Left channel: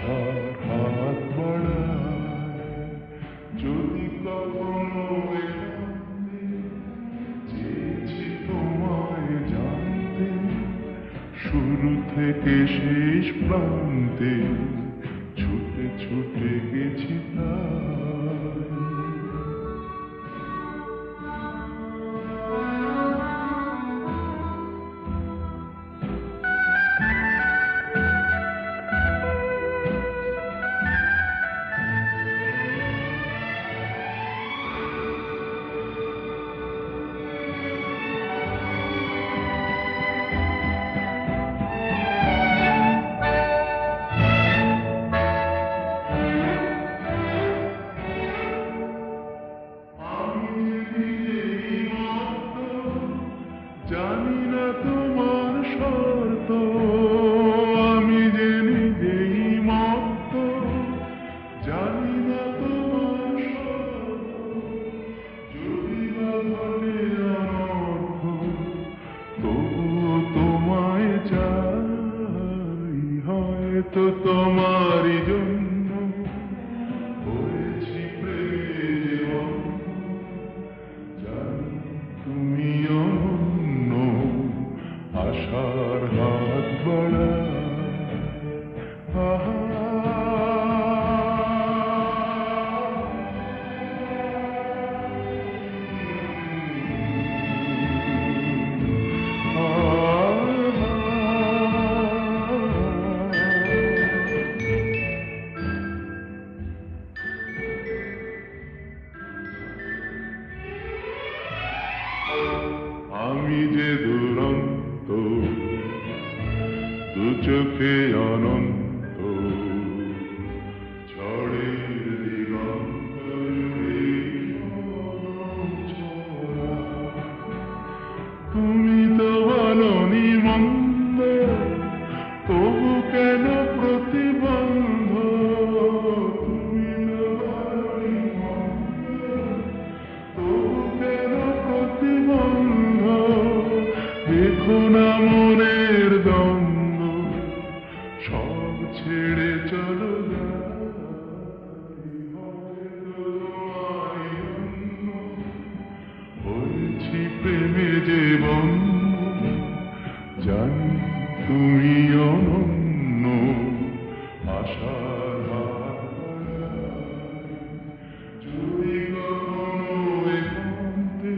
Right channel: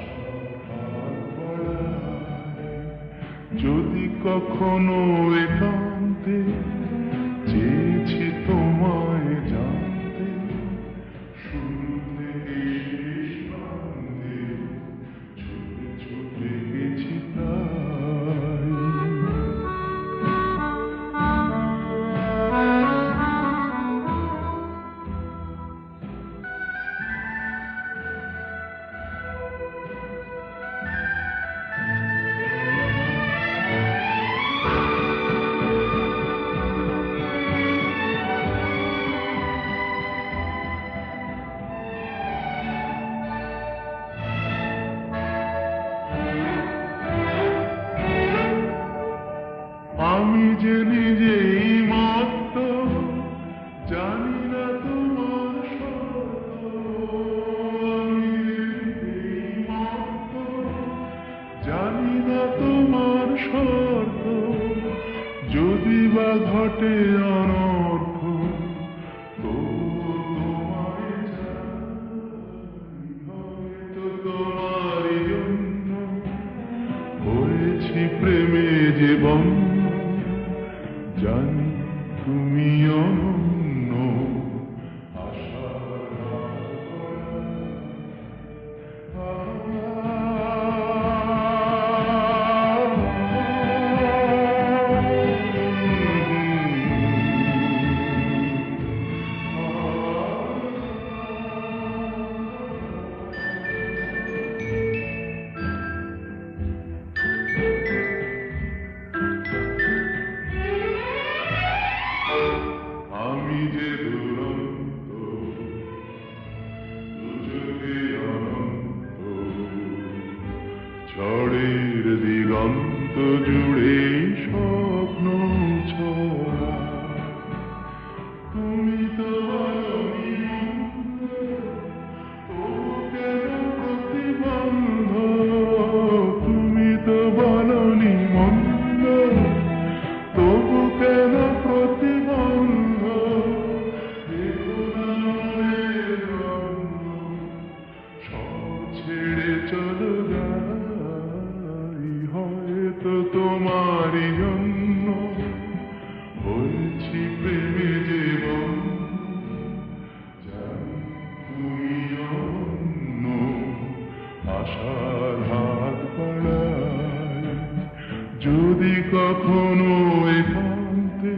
আশার হাত বাড়ায় যদি কখনো একান্তে চেয়েছি তোমায় জানতে শুরু থেকে শেষ প্রান্তে ছুটে ছুটে গেছি তাই আমি যে নিজেই মত্ত জানি না তোমার শর্ত আমি যে নিজেই মত্ত জানি না তোমার শর্ত যদি বা ঘটে অনর্থ তবুও তোমায় চাই হয়তো তোমারই জন্য হয়েছি প্রেমে জীবন জানি তুমি অনন্য আশার হাত বাড়ায় আমি যে দুরন্ত দু চোখে অনন্ত ঝড়ের দিগন্ত জুড়ে স্বপ্ন ছড়া তুমি তো বলনি মন্দ তবু কেন প্রতিবন্ধ তুমি তো বলনি মন্দ তবু কেন প্রতিবন্ধ দেখো না মনের দ্বন্দ্ব সব ছেড়ে চলো যাই হয়তো তোমারই জন্য হয়েছি প্রেমে জীবন জানি তুমি অনন্য আশার হাত বাড়ায় যদি কখনো একান্তে